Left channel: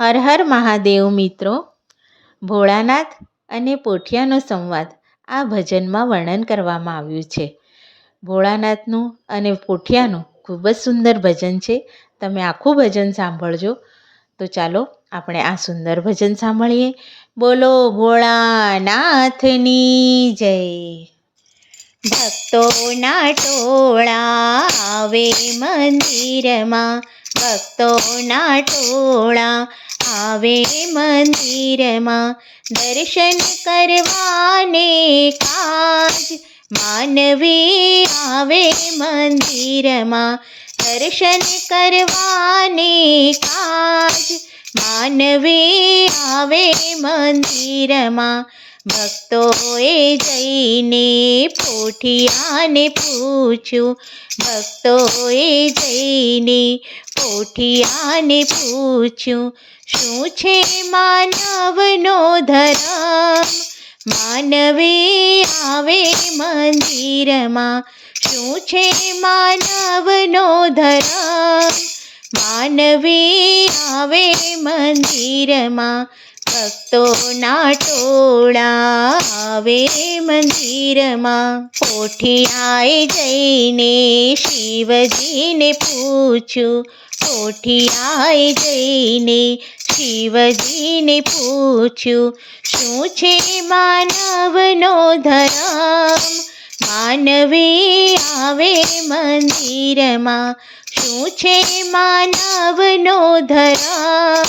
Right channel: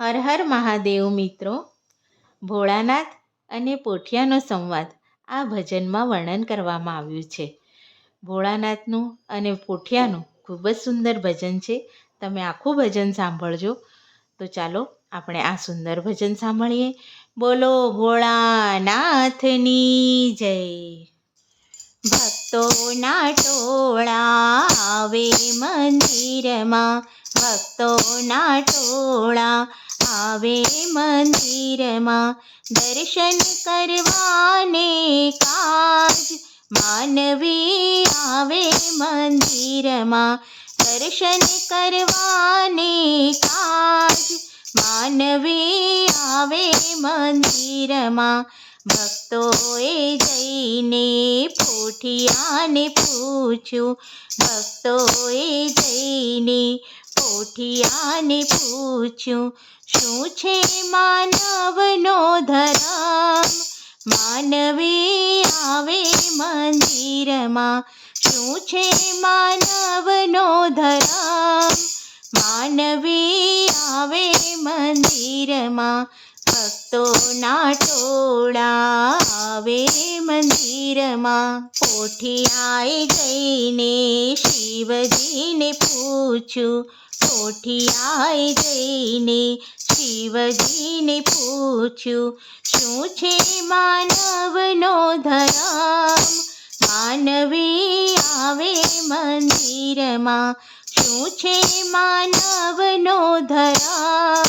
હર હર મહાદેવ મિત્રો. ભોળાનાથ અને પોઠિયાનો સંવાદ આ ભજનમાં વર્ણન કરવામાં આવ્યું છે. ભોળાનાથનું અને પોઠિયાનું ખૂબ જ સુંદર ભજન છે. તમે આખું ભજન સાંભળજો. તો ચાલો આપણે આ સુંદર ભજન સાંભળીએ. બોલો ભોળાનાથની જય. ભક્તોના ટોળા આવે મંદિરમાં, ભક્તોના ટોળા આવે મંદિરમાં, દર્શન કરવાને કાજ માનવી આવે મંદિરમાં, દર્શન કરવાને કાજ માનવી આવે મંદિરમાં. ભક્તોએ જઈને પોઠિયાને પૂછ્યું, ભક્તોએ જઈને પોઠિયાને પૂછ્યું, શું છે માનવનો ધર્મ, માનવી આવે મંદિરમાં, શું છે માનવનો ધર્મ, માનવી આવે મંદિરમાં. ભક્તોના ટોળા આવે મંદિરમાં. પોઠિયાએ જઈને શિવજીને પૂછ્યું, પોઠિયાએ જઈને શિવજીને પૂછ્યું, શું છે માનવનો ધર્મ, માનવી આવે મંદિરમાં, શું છે માનવનો ધર્મ,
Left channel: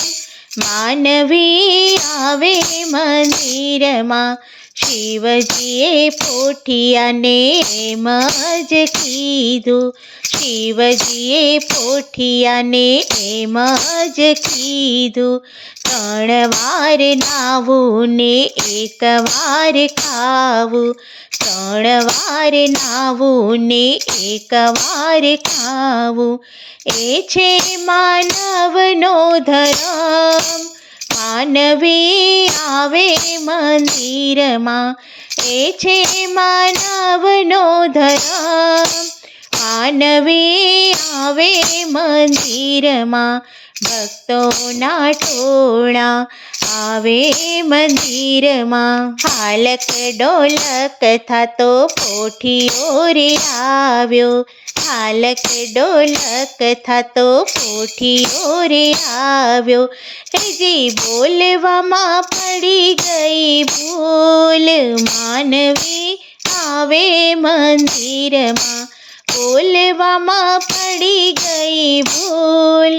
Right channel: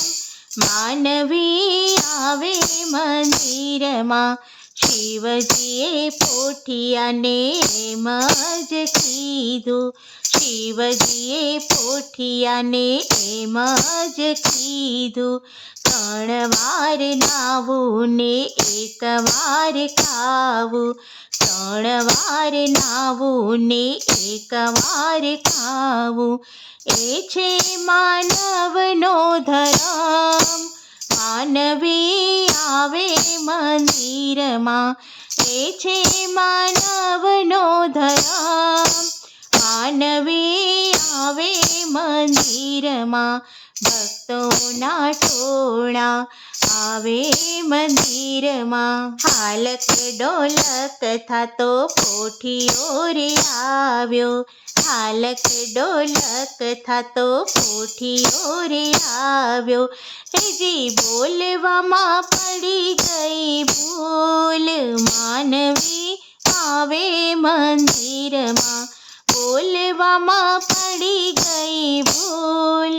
માનવી આવે મંદિરમાં. શિવજીએ પોઠિયાને એમ જ કીધું, શિવજીએ પોઠિયાને એમ જ કીધું, 3 વાર નાવું ને 1 વાર ખાવું, 3 વાર નાવું ને 1 વાર ખાવું, એ છે માનવનો ધર્મ, માનવી આવે મંદિરમાં, એ છે માનવનો ધર્મ, માનવી આવે મંદિરમાં. ભક્તોના ટોળા આવે મંદિરમાં. હાલક ડોલક થાતો પોઠિયો રે આવ્યો, હાલક ડોલક થાતો પોઠિયો રે આવ્યો, જી બોલવામાં પડી ગઈ ભૂલ, માનવી આવે મંદિરમાં, બોલવામાં પડી ગઈ ભૂલ,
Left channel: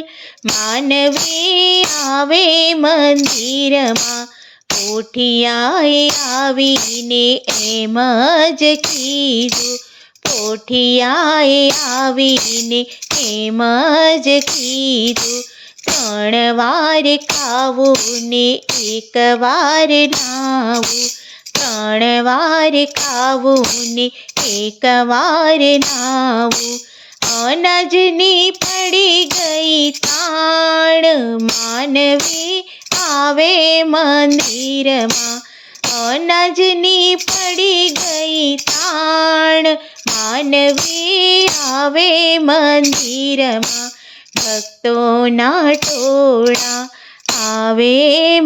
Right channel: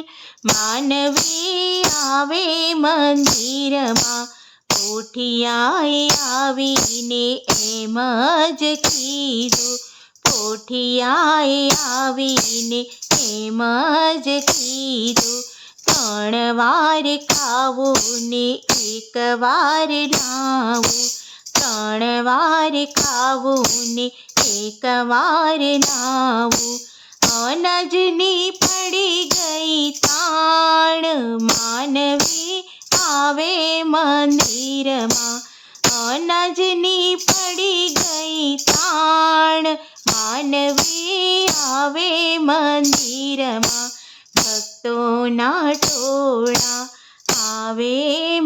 માનવી આવે મંદિરમાં. પોઠિયાએ આવીને એમ જ કીધું, પોઠિયાએ આવીને એમ જ કીધું, 3 વાર ખાવું ને 1 વાર નાવું, 3 વાર ખાવું ને 1 વાર નાવું, અનાજની પડી ગઈ તાણ, માનવી આવે મંદિરમાં, અનાજની પડી ગઈ તાણ, માનવી આવે મંદિરમાં. ભક્તોના ટોળા આવે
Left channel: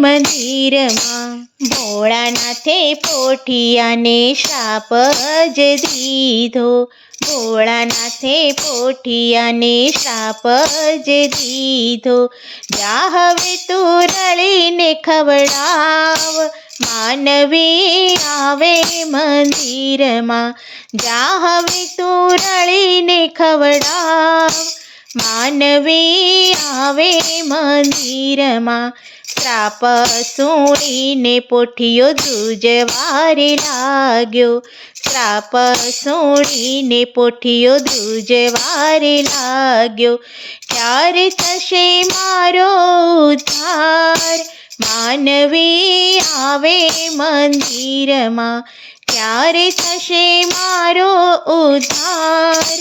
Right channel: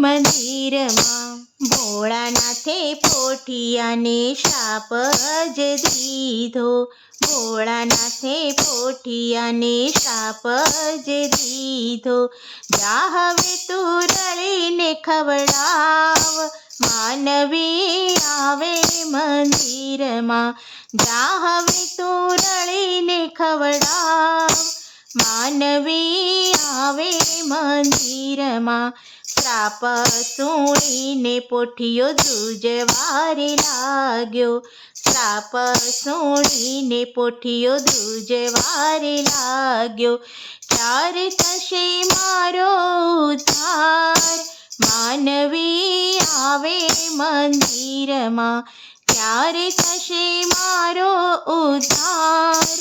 મંદિરમાં. ભોળાનાથે પોઠિયાને શાપ જ દીધો, ભોળાનાથે પોઠિયાને શાપ જ દીધો, જા હવે તું રળીને ખવડાવ, માનવી આવે મંદિરમાં, જા હવે તું રળીને ખવડાવ, માનવી આવે મંદિરમાં. શ્રાપ સુણીને પોઠિયો ધ્રુજવારે લાગ્યો, શ્રાપ સુણીને પોઠિયો ધ્રુજવારે લાગ્યો, ક્યારે થશે મારો ઉદ્ધાર, માનવી આવે મંદિરમાં, ક્યારે થશે મારો ઉદ્ધાર,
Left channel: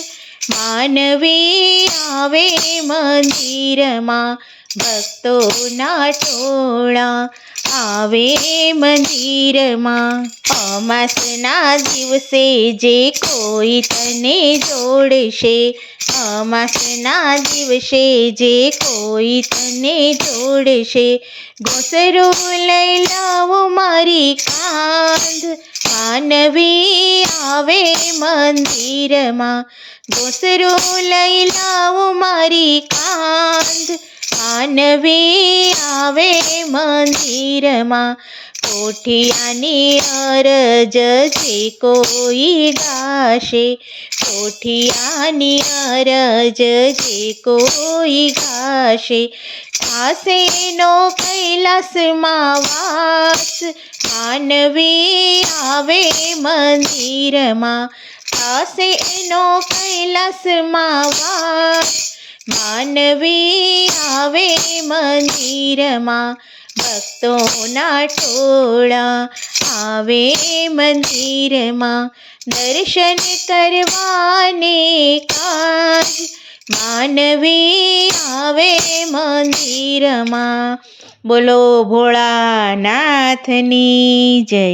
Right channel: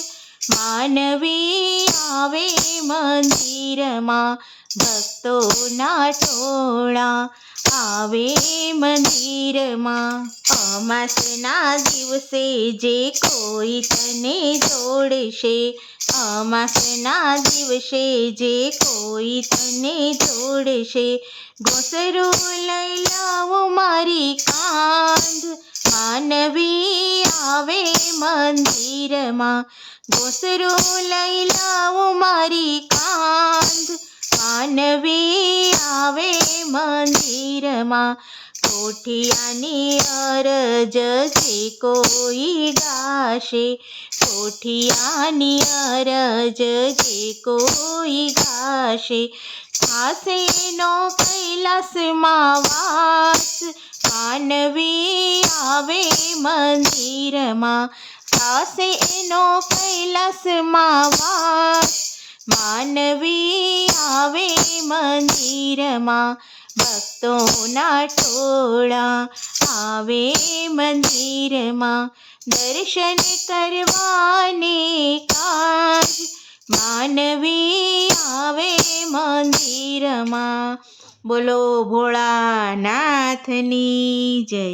માનવી આવે મંદિરમાં. ભક્તોના ટોળા આવે મંદિરમાં. અમાસના દિવસે જે કોઈ તને જોડશે, અમાસના દિવસે જે કોઈ તને જોડશે, ઘોંસરો લઈ લાવો મારી કાંધ, માનવી આવે મંદિરમાં. ઘોંસરો લઈ લાવો મારી કાંધ, માનવી આવે મંદિરમાં. પોઠિયાની અરજ જે કોઈ ગાશે, પોઠિયાની અરજ જે કોઈ ગાશે, થાશે નો કૈલાસમાં વાસ, માનવી આવે મંદિરમાં. થાશે નો કૈલાસમાં વાસ, માનવી આવે મંદિરમાં. ભક્તોના ટોળા આવે મંદિરમાં, દર્શન કરવાને કાજ, માનવી આવે મંદિરમાં. બોલો ભોળાનાથની જય.